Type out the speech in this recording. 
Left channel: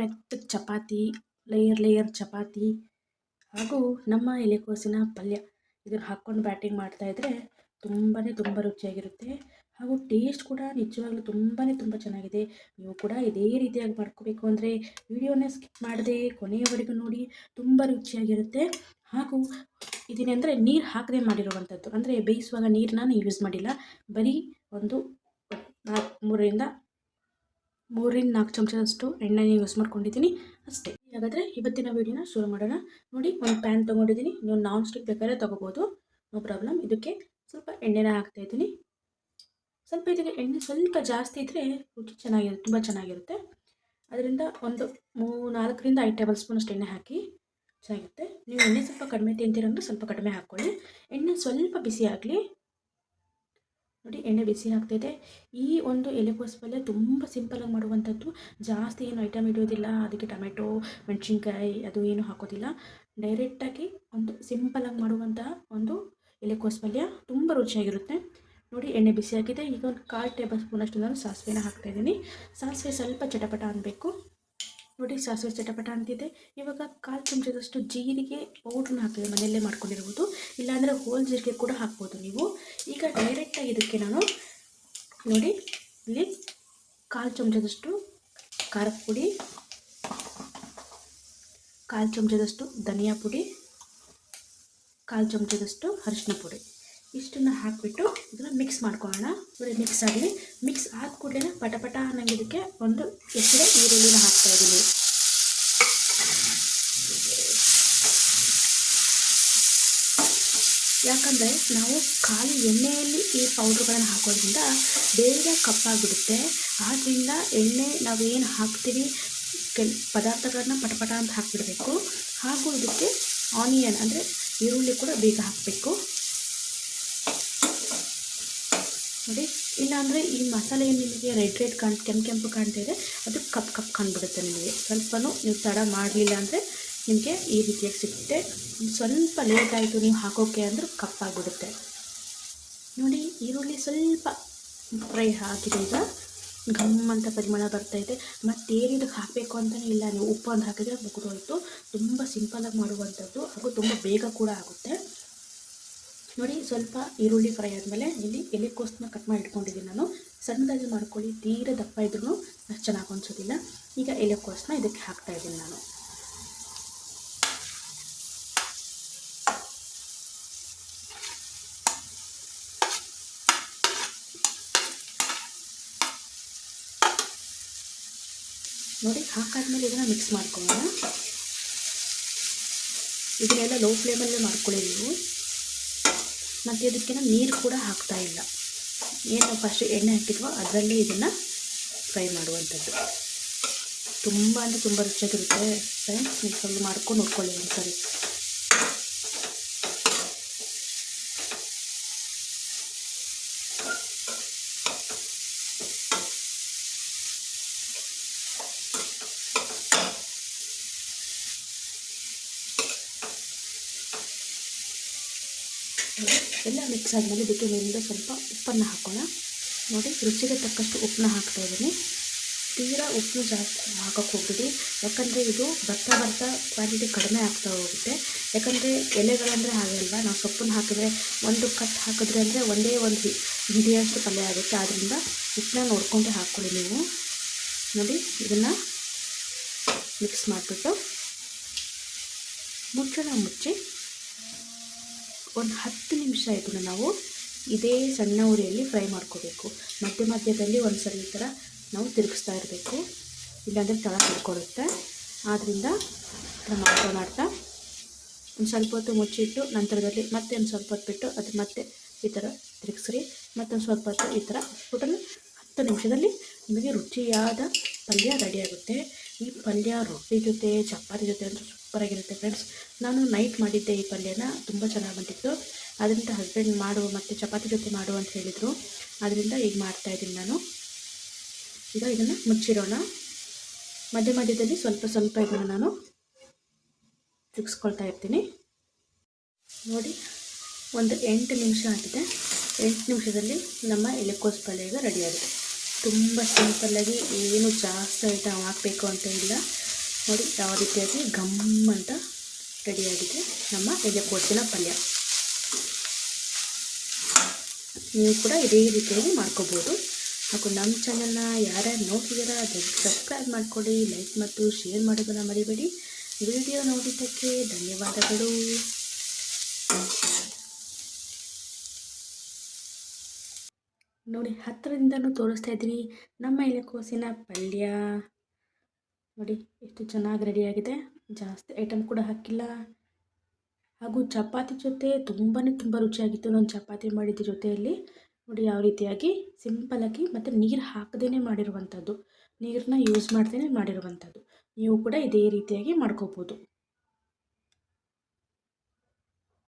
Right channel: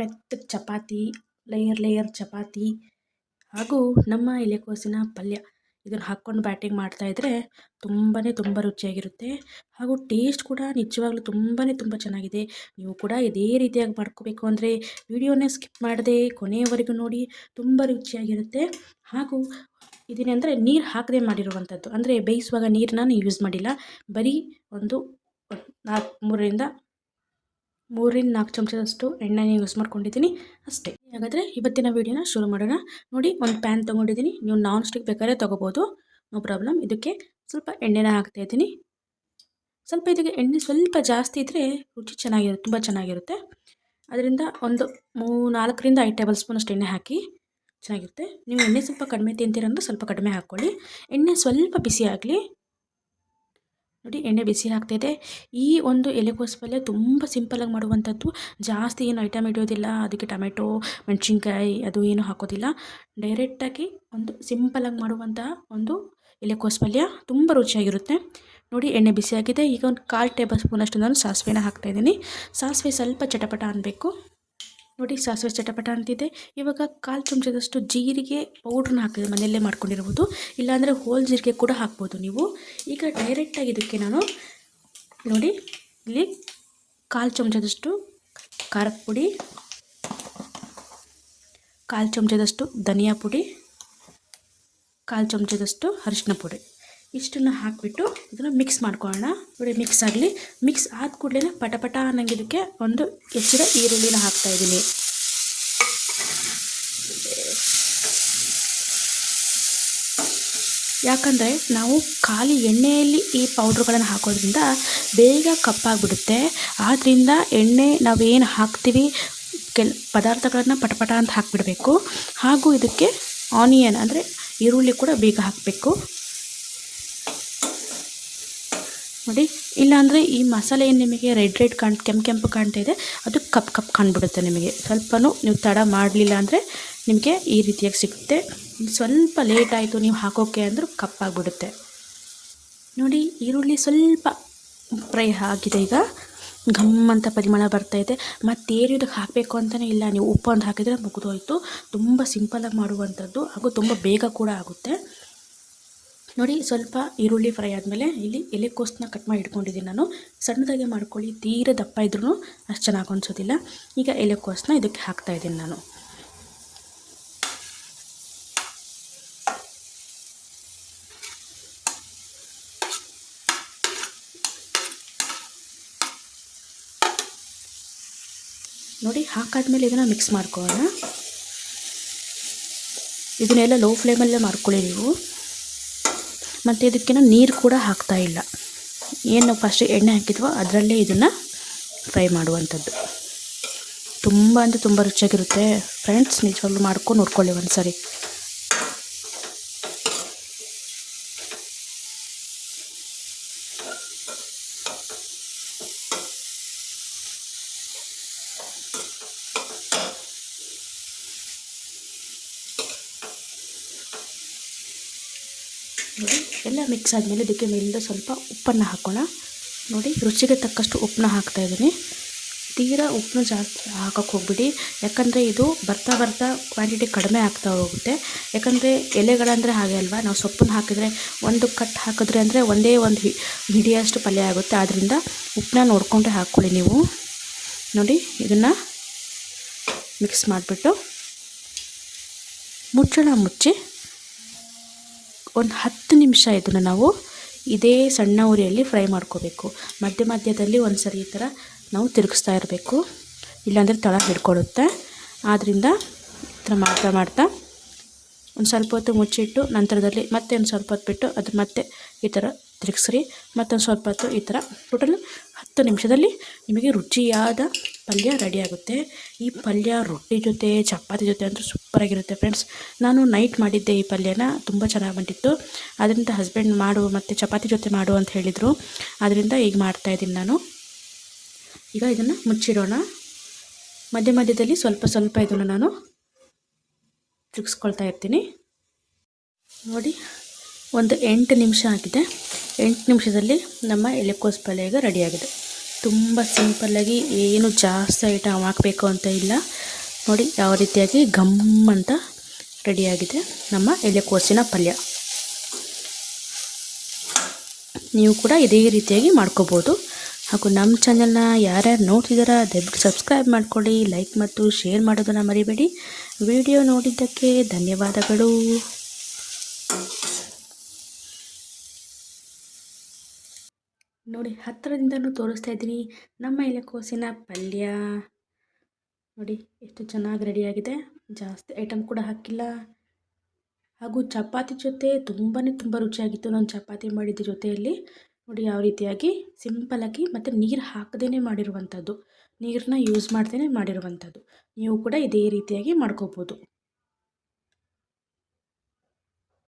ಮೆತ್ತ ಮೆತ್ತಗೆ chapati layer layer chapati ಹಾಗೂ ನಮ್ಮ ಎಲೆಕೋಸಿನ ಪಲ್ಯ. ಇದನ್ನು ಹಾಕ್ಕೊಂಡು ಬ್ಯಾಟಿಂಗ್ ಮಾಡ್ತಾಯಿದ್ರೆ ತುಂಬಾ ತುಂಬ ರುಚಿಯಾಗಿರುತ್ತೆ ಹಾಗೂ ಟೇಸ್ಟ್ ಕೂಡ ನಿಜವಾಗ್ಲೂ ತುಂಬಾ ತುಂಬ ಚೆನ್ನಾಗಿದೆ. ನೀವು ಕೂಡ ಇದೇ ರೀತಿಯಾಗಿ ಮಾಡ್ಕೋಬೇಕು ಅಂದರೆ ವಿಡಿಯೋನ ಸ್ಕಿಪ್ ಮಾಡದೆ ಕೊನೆಯವರೆಗೂ ನೋಡಿ, ತುಂಬ ರುಚಿಯಾಗಿರುತ್ತೆ ಹಾಗೂ ಇದನ್ನೆಂದರೆ ನೀರು ಹಾಕದೆ ಮಾಡಿರುವಂಥದ್ದು ಅಂದರೆ ಬೇಯಿಸುವಾಗ ನೀರನ್ನ ನಾನು ಯೂಸ್ ಮಾಡಿಲ್ಲ. ಬರೀ ಒಂದು ನಾಲ್ಕು ಮೂರರಿಂದ ಮೂರಿಂದ ನಾಲ್ಕು ಚಮಚದಷ್ಟು ಎಣ್ಣೆನ ಯೂಸ್ ಮಾಡ್ಕೊಂಡಿದ್ದೀನಿ ಅಷ್ಟೇ. ಹಾಗಾದರೆ ಇವತ್ತಿನ ವೀಡಿಯೋನ ಶುರು ಮಾಡೋಣ. ನೋಡಿ, ಒಂದು ಪ್ಯಾನ್ ತೊಗೊಂಡಿದ್ದೀನಿ. ನೀವು ನಾನ್ ಸ್ಟಿಕ್ ಬೇಕಾದ್ರೆ ತೊಗೋಬೋದು. ನೋ ಪ್ರಾಬ್ಲಮ್ ಇದಕ್ಕೆ ಸ್ವಲ್ಪ ಎಣ್ಣೆನ ಹಾಕ್ತಾಯಿದ್ದೀನಿ ಸ್ವಲ್ಪ ಇದಕ್ಕೆ ಎಣ್ಣೆ ಸ್ವಲ್ಪ ಜಾಸ್ತಿ ಇದ್ದರೆ ರುಚಿ ಚೆನ್ನಾಗಿರುತ್ತೆ, ತುಂಬ ಚೆನ್ನಾಗಿರುತ್ತೆ. ಅದರಿಂದ ಒಂದು ಮೂ ನಾಲ್ಕರಿಂದ ಐದು ಟೇಬಲ್ ಸ್ಪೂನ್ ಅಷ್ಟು ಎಣ್ಣೆ ಹಾಕಿ ಚೆನ್ನಾಗಿರುತ್ತೆ. ನೀವು ಎಣ್ಣೆ ಸ್ವಲ್ಪ ಕಡಿಮೆ ತಿಂತೀರಂದ್ರೆ ಸ್ವಲ್ಪ ಕಡಿಮೆ ಹಾಕ್ಕೊಳ್ಳಿ. ಎಣ್ಣೆ ಸ್ವಲ್ಪ ಬಿಸಿ ಆಗಲಿ ನೋಡಿ ಎಣ್ಣೆ ಬಿಸಿ ಆಗ್ತಾಯಿದೆ ಈ ಒಂದು ಎಲೆಕೋಸು ಪಲ್ಯ ತುಂಬ ಸಿಂಪಲಾಗಿ ಮಾಡುವಂಥದ್ದು. ಜಾಸ್ತಿ ಏನು ಐಟಮ್ ಇಡೋದಿಲ್ಲ. ಅದಕ್ಕೆ ಟೊಮೆಟೊ, ಮೆಣಸಿನ್ಕಾಯಿ ಅದು ಏನು ಹಾಕೋದಿಲ್ಲ. ಡೈರೆಕ್ಟಾಗಿ ಒಂದು ಸಿಂಪಲಾಗಿ ಮಾಡುವಂತಹ ಒಂದು ಎಲೆಕೋಸು ಪಲ್ಯ ತುಂಬ ರುಚಿಯಾಗಿರುತ್ತೆ. ನೋಡಿ ಎಣ್ಣೆ ಬಿಸಿಯಾಗಿದೆ ಈಗ ಒಂದು ಕಾಲು ಟೇಬಲ್ ಸ್ಪೂನಷ್ಟು ನಾನು ಸಾಸಿವೆನ ಹಾಕ್ತಾಯಿದ್ದೀನಿ ಸಾಸಿವೆ ಸ್ವಲ್ಪ ಚಟಪಟ ಅನ್ನಬೇಕು ನೋಡಿ ಸಾಸಿವೆ ಚಟಪಟ ಅಂತಿದೆ. ಇವಾಗ ಕಾಲು ಚಮಚದಷ್ಟು ಜೀರಿಗೆ ಪೌಡ್ರನ್ನ ಹಾಕಿದೆ ಮನೆಯಲ್ಲೇ ಮಾಡ್ಕೊಂಡಿರ್ಬೋದು ಇಲ್ಲಾಂದರೆ ಹೋಲ್ ಜೀರಿಗೆ ಕೂಡ ಹಾಕ್ಬೋದು ನೀವು. ಈಗ ಡೈರೆಕ್ಟಾಗಿ ಇದಕ್ಕೆ ನಾನು ನೋಡಿ ಇಲ್ಲಿ ಕಾಲು ಚಮಚದಷ್ಟು ಖಾರದ ಪುಡಿ, ಕಾಲು ಚಮಚದಷ್ಟು ಧನಿಯಾ ಪುಡಿ, ಕಾಲು ಚಮಚದಷ್ಟು ಅರಿಶಿನ ಪುಡಿ. ಇಷ್ಟನ್ನು ಹಾಕಿಬಿಟ್ಟು ಇದನ್ನು ಮಿಕ್ಸ್ ಮಾಡ್ಕೊಳ್ಳೋಣ. ನೋಡಿ ಮಿಕ್ಸ್ ಆಗಲಿ. ಮಿಕ್ಸ್ ಆದ ಕೂಡಲೇ ಪಟಪಟ ಪಟ ಅನ್ನಂಗೆ ಇದಕ್ಕೆ ಒಂದು ಹೆಚ್ಚಿನ ಈರುಳ್ಳಿನ ಹಾಕ್ತಾಯಿದ್ದೀನಿ ಯಾಕಂದರೆ ನಾವು ಖಾಲಿ ಎಣ್ಣೆಯಲ್ಲಿ ಈ ಪೌಡ್ರ್ಗಳನ್ನು ಹಾಕೋದ್ರಿಂದ ಬೇಗ ಕಪ್ಪಾಗಿಬಿಡುತ್ತೆ. ಆದ್ದರಿಂದ ಎಣ್ಣೆ ನಾವೇನು ಹಾಕ್ತೀವಿ, ಕೆಲ ಪದಾರ್ಥಗಳನ್ನು ಪಟಪಟ ಅಂತ ಹಾಕಿಬಿಡಬೇಕು. ಹಾಗೂ ಇದಕ್ಕೆ ಆನಿಯನ್ ಅಂದರೆ ಈರುಳ್ಳಿ ಕೂಡ ಬೇಗ ಹಾಕಬೇಕು. ನೋಡಿ, ಇಲ್ಲಾಂದರೆ ಈ ಮಸಾಲೆ ಏನು ನಿಮಗೆ ರೆಡ್ ರೆಡ್ ಕಾಣ್, ಕೆಂಪು ಕೆಂಪು ಕಾಣ್ತಾ ಇದೆ, ಅದು ಕಪ್ ಕಪ್ ಕಾಣ್ಬಿಡುತ್ತೆ ನಿಮಗೆ. ಸ್ವಲ್ಪನೂ ನೀವು ತಡ ಮಾಡಲಿಲ್ಲ ಅಂದರೆ ನಿಮಗೆ ಈ ರೀತಿಯಾಗಿ ಸಿಗುತ್ತೆ. ಸ್ವಲ್ಪ ಲೇಟ್ ಆಯಿತು, ನೀವು ಹಾಕೋಕ್ಕೆ ಅಂದರೂ ಕಪ್ಪಾಗ್ಬಿಡುತ್ತೆ ನೋಡಿ, ಈರುಳ್ಳಿ ಸ್ವಲ್ಪ ಫ್ರೈ ಆಗಿದೆ ಈಗ. ಘಮ್ ಅಂತ ಪರಿಮಳ ಬರ್ತಾಯಿದೆ ಮತ್ತೇನು ಇದಕ್ಕೆ ಹಾಕಬೇಕು ಅಂತಲೇ ಇಲ್ಲ. ನೀವು ಉಪ್ಪು ಅಂತ ಹಾಕಿದರೆ ಮುಗಿದೋಯ್ತು. ತುಂಬ ಸಿಂಪಲಾಗಿ ಮಾಡುವಂಥದ್ದು ಹಾಗೂ ತುಂಬ ಬೇಗ ಕೂಡ ಆಗುತ್ತೆ. ನೋಡಿ, ಸ್ವಲ್ಪ ಈರುಳ್ಳಿ ಫ್ರೈ ಆದಮೇಲೆ ಇಲ್ಲಿ ಎಲೆಕೋಸನ್ನ ಕಟ್ ಮಾಡಿ ಇಟ್ಕೊಂಡಿದ್ದೀನಿ ನಾನು. ಸಣ್ಣದಾಗೆ ಮಾಡ್ಕೊಳ್ಳಿ, ತೀರ ದಪ್ಪ ಇದ್ರೂ ಅಷ್ಟು ಚೆನ್ನಾಗಿ ಅನಿಸೋದಿಲ್ಲ. ಈಗ ಎಲೆಕೋಸನ್ನ ಇದಕ್ಕೆ ಹಾಕ್ತಾಯಿದ್ದೀನಿ ನಾನು. ನೋಡಿ, ಹಾಕಾದ್ಮೇಲೆ ಇದನ್ನು ಮಿಕ್ಸ್ ಮಾಡ್ಕೊಳ್ಳೋಣ. ಇದನ್ನೆಲ್ಲ ಲೋ ಫ್ಲೇಮಲ್ಲೇ ಮಾಡ್ಕೊಳ್ಳಿ ನೀವು. ಮತ್ತು ಇದಕ್ಕೆ ನೀರು ಕೂಡ ಹಾಕ್ತಾ ಇಲ್ಲ. ಏನು ಫಸ್ಟ್ ಎಣ್ಣೆ ಹಾಕಿದ್ವೋ ಅದರಲ್ಲೇ ಇದನ್ನು ಫ್ರೈ ಮಾಡುವಂಥದ್ದು. ತುಂಬ ಅಂದರೆ ತುಂಬ ರುಚಿಯಾಗಿರುತ್ತೆ. ಫ್ರೆಂಡ್ಸ್ ನಿಜವಾಗ್ಲೂ ಮಾಡ್ಕೊಂಡು ನೋಡ್ಕೊಳ್ಳಿ ಒಂದು ಸರಿ ನೋಡಿ ಎಲ್ಲ ಮಿಕ್ಸ್ ಆದಮೇಲೆ ಇದಕ್ಕೆ ಮೇಲಿಂದ ಸ್ವಲ್ಪ ಉಪ್ಪನ್ನು ಹಾಕೋಣ. ನೋಡಿ, ರುಚಿಗೆ ತಕ್ಕಷ್ಟು ಉಪ್ಪನ್ನ ಹಾಕ್ತಾಯಿದ್ದೀನಿ ತೀರಾ ಉಪ್ಪನ್ನ ಜಾಸ್ತಿ ಹಾಕೋಕ್ಕೆ ಹೋಗ್ಬಿಡಿ. ಯಾಕಂದರೆ ಇದು ಬರ್ತಾ ಬರ್ತಾ ಕ್ವಾಂಟಿಟಿ ಕಡಿಮೆ ಆಗ್ತಾ ಹೋಗುತ್ತೆ. ಯಾಕಂದರೆ ಎಲೆಗಳಂದರೆ ಹಾಗೆ ಅಲ್ವಾ? ನಾವು ಸೊಪ್ಪನ್ನು ಹಾಕಿದರೆ ಒಂದು ಕಟ್ ಹಾಕಿದ್ರೆ ಅಂದರೆ ಒಂದೇ ಒಂದು ಹಿಡಿಯಷ್ಟು ಪಲ್ಯ ಆಗುತ್ತೆ. ಆದ್ದರಿಂದ ಉಪ್ಪನ್ನ ನೋಡಿಕೊಂಡೆ ಹಾಕ್ಕೊಳ್ಳಿ ನೀವು. ನೋಡಿ, ಇದನ್ನು ಮಿಕ್ಸ್ ಮಾಡಿಬಿಟ್ಟು ಮುಚ್ಚಳ ಮುಚ್ಚಿ ಒಂದು ಹತ್ತು ನಿಮಿಷ ಇದನ್ನು ನಾವು ಇದೇ ಸಣ್ಣ ಉರಿಯಲ್ಲಿ ಫ್ರೈ ಮಾಡ್ಕೋಬೇಕು. ಮಧ್ಯ ಮಧ್ಯದಲ್ಲಿ ಒಂದು ಸರಿ ಈ ಥರ ನಾವು ತಿರುಗಿಸ್ತಾ ಇರಬೇಕು. ಇಲ್ಲಾಂದರೆ ತಳ ಹಿಡ್ಕೊಳ್ಳುತ್ತೆ ಆದ್ದರಿಂದ ಈ ಥರ ಮಾಡ್ತಾ ಮಾಡ್ತಾ ಒಂದು ಸ್ವಲ್ಪ ಹೊತ್ತು ಮುಚ್ಚಿಟ್ಟು ನಂತರದಲ್ಲಿ ಮತ್ತೆ ಒಂದು ಸ್ವಲ್ಪ ಹೊತ್ತು ಬಿಟ್ಟು ಅದು ಮತ್ತೆ ಈ ಥರ ತಿರುಗಿಸ್ರಿ. ಮತ್ತೊಂದು ಸ್ವಲ್ಪ ಹೊತ್ತು ಈ ಥರ ಟೋಟಲ್ ಹತ್ತು ನಿಮಿಷದಲ್ಲಿ ನಿಮಗೆ ರುಚಿಯಾದ ಪಲ್ಯ ರೆಡಿಯಾಗುತ್ತೆ ಈ ಪಲ್ಯ ರೊಟ್ಟಿ ಜೊತೆ, ಚಪಾತಿ ಜೊತೆ ಅಂದರೆ ಸೂಪರಾಗಿರುತ್ತೆ ಫ್ರೆಂಡ್ಸ್ ನಾನು ನೈಟ್ ಮಾಡಿದ್ದೆ ಈ ಪಲ್ಯನ, ತುಂಬ ಚೆನ್ನಾಗಿ ಬಂದಿತ್ತು. ಅದರಿಂದ ಹಸ್ಬೆಂಡ್ ಮಾಡು ಮತ್ತು ಚಪಾತಿ ಜೊತೆ ಮಾಡು ಅಂತ ಹೇಳಿದರು. ಅದರಿಂದ ಈಗ ಮಾಡ್ತಾಯಿದ್ದೀನಿ ನಾನು. ಈಗ ಇದನ್ನು ಮುಚ್ಚಿಡೋಣ. ಮಧ್ಯ ಮಧ್ಯದಲ್ಲಿ ಸ್ವಲ್ಪ ಸ್ವಲ್ಪ ಇದನ್ನು ನಾನು ತಿರುಗಿಸ್ಕೊಳ್ತಾ ಇರ್ತೀನಿ. ನೋಡಿ, ಒಂದು ಎಂಟು ನಿಮಿಷ ಆಗಿದೆ. ಎಂಟು ನಿಮಿಷದಲ್ಲಿ ನಮ್ಮ ಎಲೆಕೋಸು ಪಲ್ಯ ಈಗ ರೆಡಿಯಾಗಿದೆ. ತುಂಬ ಸಿಂಪಲ್ಲಾಗಿ ಏನು ಜಾಸ್ತಿ ಐಟಮ್ ಹಾಕಬೇಕು ಅಂತ ಇಲ್ಲ. ನೋಡಿ, ಯಾವ ರೀತಿಯಾಗಿ ಘಮ್ ಅಂತ ರೆಡಿಯಾಗಿದೆ ನಮ್ಮ ಎಲೆಕೋಸಿನ ಪಲ್ಯ. ನೀವು ಕೂಡ ಇದೇ ರೀತಿಯಾಗಿ ಮಾಡ್ಕೋಬೋದು. ಹಾಗೂ ನಮ್ಮ ಚಾನಲ್ನ ಯಾರ್ಯಾರು ನೋಡ್ತಿದ್ದಾರಾ ದಯವಿಟ್ಟು ಸಬ್ಸ್ಕ್ರೈಬ್ ಮಾಡ್ಕೊಳ್ಳಿ ಲೈಕ್ ಮತ್ತು ಶೇರ್ ಮಾಡೋದನ್ನು ಮರಿಬೇಡಿ. ವಿಡಿಯೋ ನೋಡಿದ್ದಕ್ಕೆ ಧನ್ಯವಾದಗಳು. ನೋಡಿ ಹತ್ತಿರದಿಂದಲೂ ತೋರಿಸ್ತಾ ಇದ್ದೀನಿ. ನಮ್ಮ ಎಲೆಕೋಸಿನ ಪಲ್ಯ. ನೋಡಿ, ಎಷ್ಟು ಚೆನ್ನಾಗಿ ರೆಡಿಯಾಗಿದೆ ಜಾಸ್ತಿ ಐಟಮ್ ಕೂಡ ಹಾಕಿಲ್ಲ. ಹಾಗೂ ಚಪಾತಿ ಜೊತೆ ತುಂಬಾ ತುಂಬ ರುಚಿಯಾಗಿತ್ತು ನಾನು ಚಪಾತಿ ಮಾಡಿದ ಜೊತೆಯಲ್ಲಿ. ನೋಡಿ, ಯಾವ ರೀತಿಯಾಗಿ ಸಿಂಪಲಾಗಿ ಮತ್ತು ನೀರು ಹಾಕದೇ ಮಾಡಿರುವಂಥದ್ದು ನೀರನ್ನ ಯೂಸ್ ಮಾಡ್ದೇ ಮಾಡಿರುವಂಥದ್ದು ನೀವು ಕೂಡ ಇದೇ ರೀತಿಯಾಗಿ ಮಾಡ್ಕೋಬೋದು.